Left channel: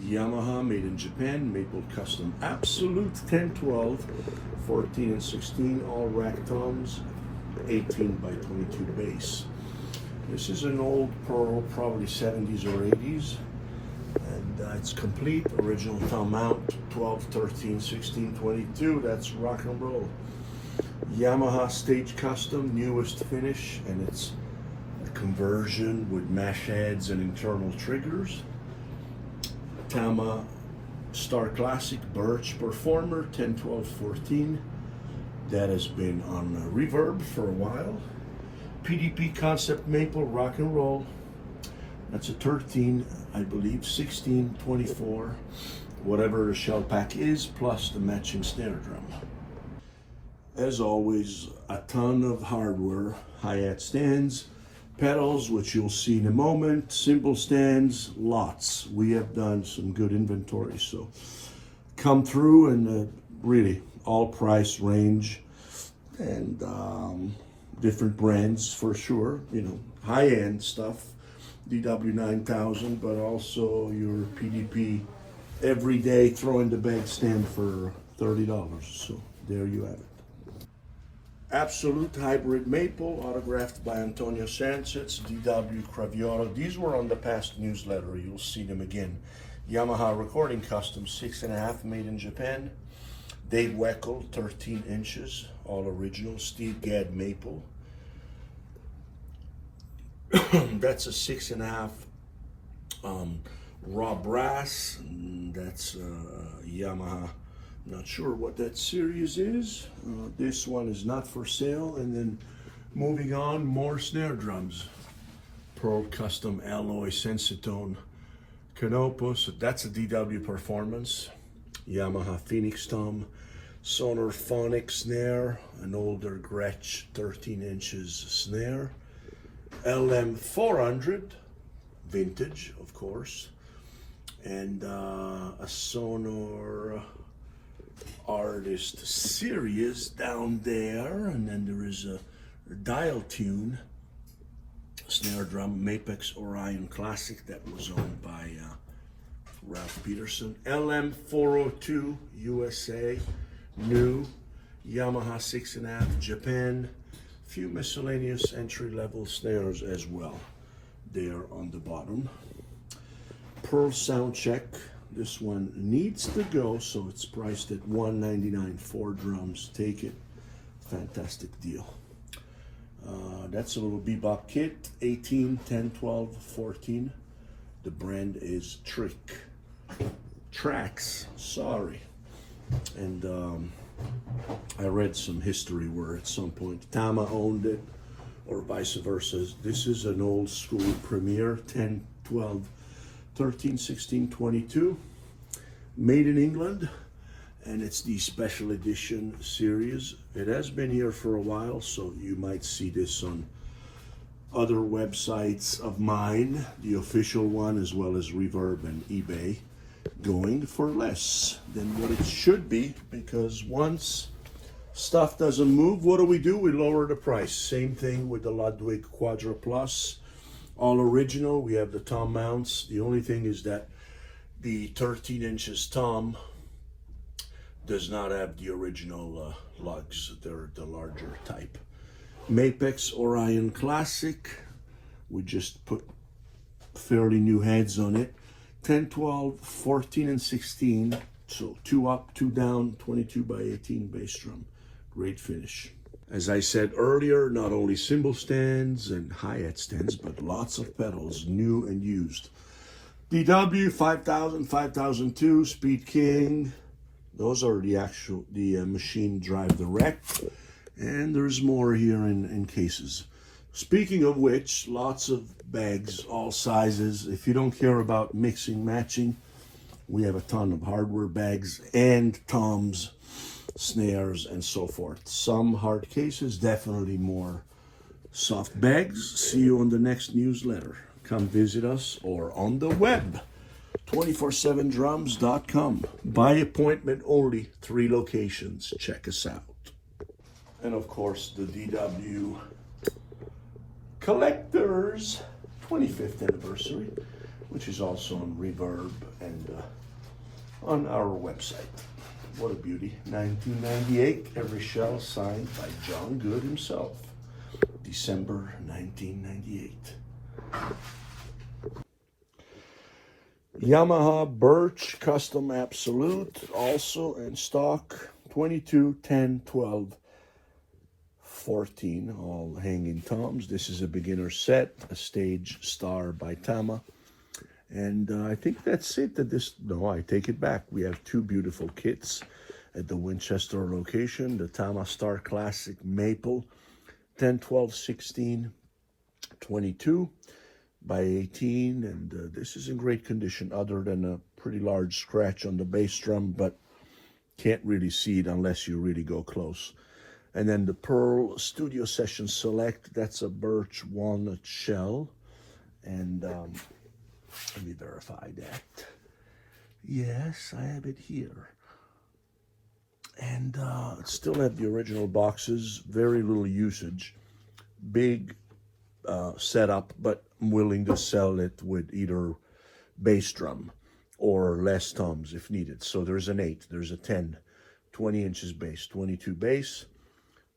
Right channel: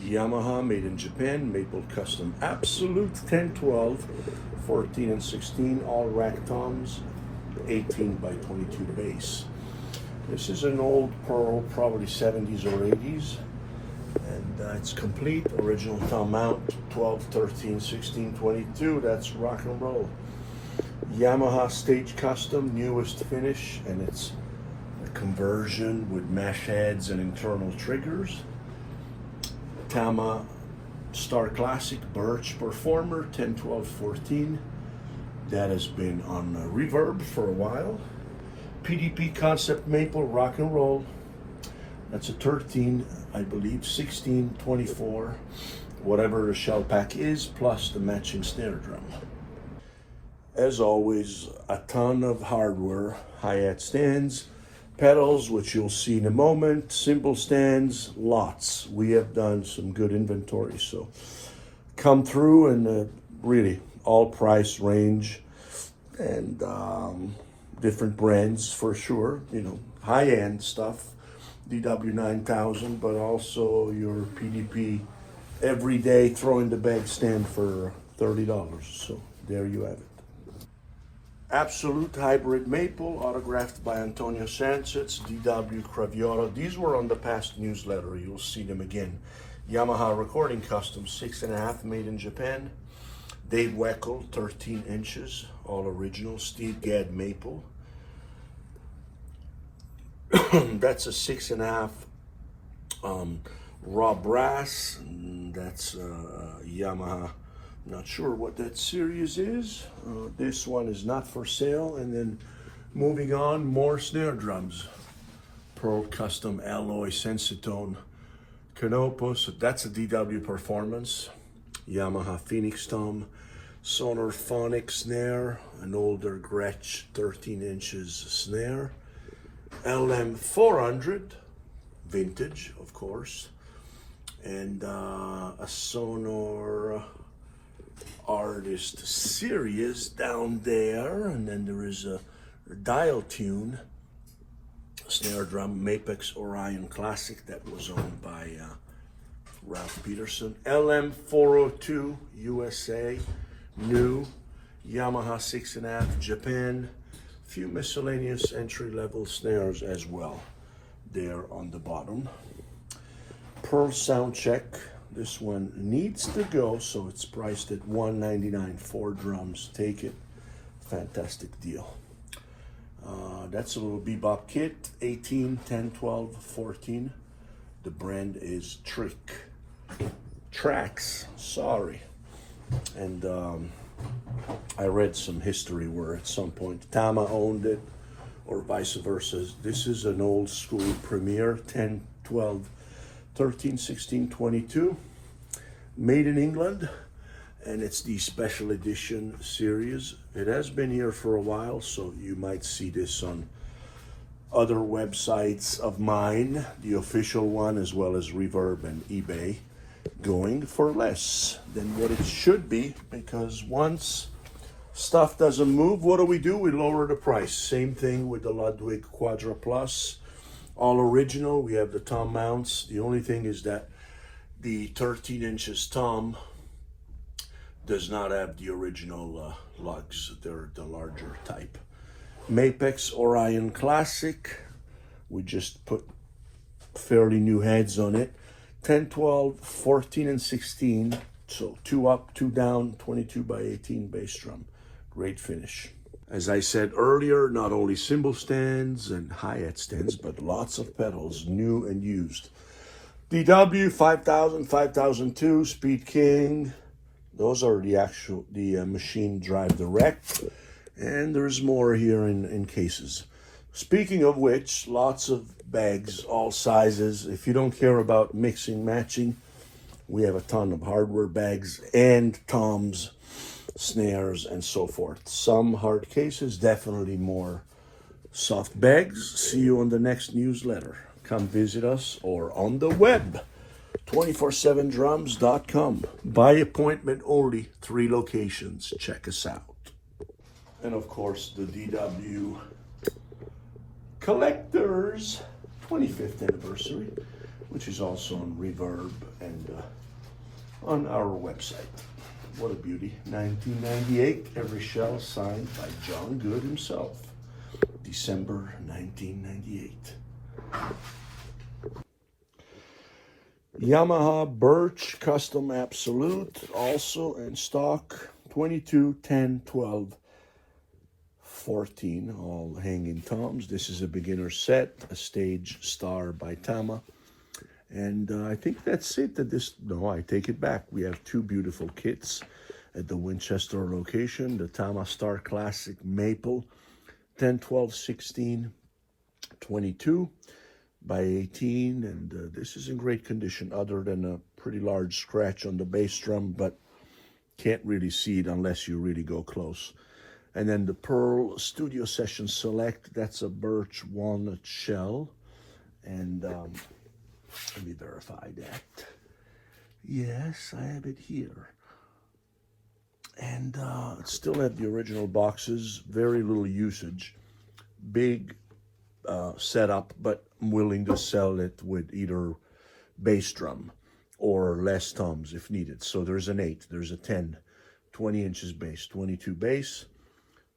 Yamaha, made in Japan, maple custom, absolute 10, 12, 14 and 16, all rack toms, 18 by 22 base. This is an old Pearl, probably 70s or 80s, and it's complete, original tom mount, 12, 13, 16, 22, that's rock and roll. Yamaha stage custom, newest finish, and it's a conversion with mesh heads and internal triggers. Tama Star Classic Birch Performer 10, 12, 14. That has been on reverb for a while. PDP Concept Maple Rock and Roll. That's a 13, I believe, 16, 24, whatever the shell pack is, plus the matching snare drum. As always, a ton of hardware, hi-hat stands, pedals, which you'll see in a moment, cymbal stands, lots. We have done some good inventory, so come through, and really all price range and different brands for sure, you know, high-end stuff, DW 9000, but also your PDP everyday throw in the bag stand for $30. So there you have it. Absolute Hybrid Maple, autographed by Antonio Sanchez, DW Craviotto. These were on the past newsletter. You'll see them again. Yamaha Recording Custom, 6.5, made in Japan. Dave Weckl, 13 inches, all original. Steve Gadd Maple. That's a 6.5 raw brass. That's Yamaha. Not sure what that series is. This one is not for sale. And then moving on, more snare drums. Pearl Custom Alloy Sensitone Canopus. That's a DW Performance. Yamaha Phoenix Tom. Sonar Phonic snare. An older Gretsch 13 inches snare. LM 400. Vintage, of course. And a Sonor Artist Series down there, and then there is a dial tune snare drum, Mapex Orion Classic, that was owned by Ralph Peterson. LM 402 USA, new. Yamaha 6.5 Japan. Few miscellaneous entry-level snares as well there on the bottom. Pearl Sound Check. This one needs to go, so it's priced at $199. 4 drums, take it. Fantastic deal. That's a little bebop kit, 18, 10, 12, 14. The brand is Tracks, sorry. And I read some history where at some point Tama owned it, or vice versa. This is an old school Premier, 10, 12, 13, 16, 22, made in England, and it's the special edition series. It has been here for a while, so you might see this on other websites of mine, the official one, as well as Reverb and eBay, going for less than what it should be, because once stuff doesn't move, what do? We lower the price. Same thing with the Ludwig Quadra Plus. All original. We have the tom mounts. The only thing is that the 13 inches tom does not have the original lugs. They're the larger type. Mapex Orion Classic. We just put fairly new heads on it. 10, 12, 14, and 16. So 2 up, 2 down, 22 by 18 bass drum. Great finish. As I said earlier, not only cymbal stands and hi-hat stands, but lots of pedals, new and used. DW 5000, 5002, Speed King. Those are the machine drive direct. And there's more here in cases. Speaking of which, lots of bags, all sizes. If you don't care about mixing, matching, we have a ton of hardware bags and toms, snares, and so forth. Some hard cases, definitely more soft bags. See you on the next newsletter. Come visit us, or on the web, 247drums.com. By appointment only, 3 locations. Check us out. And of course, the DW Collectors 25th anniversary. which is also on Reverb and on our website. What a beauty. 1998, every shell signed by John Good himself. December 1998. Yamaha Birch Custom Absolute, also in stock, 22, 10, 12, 14, all hanging toms. This is a beginner set, a stage star by Tama. And I think that's it. No, I take it back. We have two beautiful kits at the Winchester location. The Tama Star Classic Maple, 10, 12, 16, 22 by 18. And this is in great condition other than a pretty large scratch on the bass drum, but can't really see it unless you really go close. And then the Pearl Studio Session Select, that's a birch walnut shell. And let me verify that. Yes, I have it here. And it still have the original boxes, very little usage. Big setup, but I'm willing to sell it with either bass drum or less toms if needed. So there's an 8, there's a 10, 20 inches bass, 22 bass,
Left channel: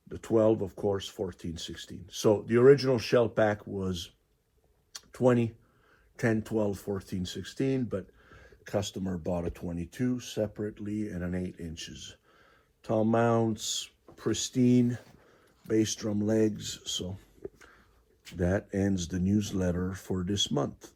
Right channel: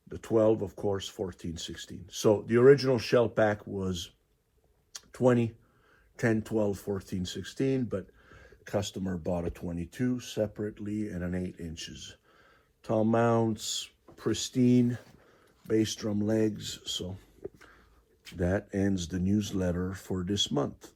the 12, of course, 14, 16. So the original shell pack was 20, 10, 12, 14, 16, but customer bought a 22 separately and an 8 inches. Tom mounts, pristine, bass drum legs. So that ends the newsletter for this month.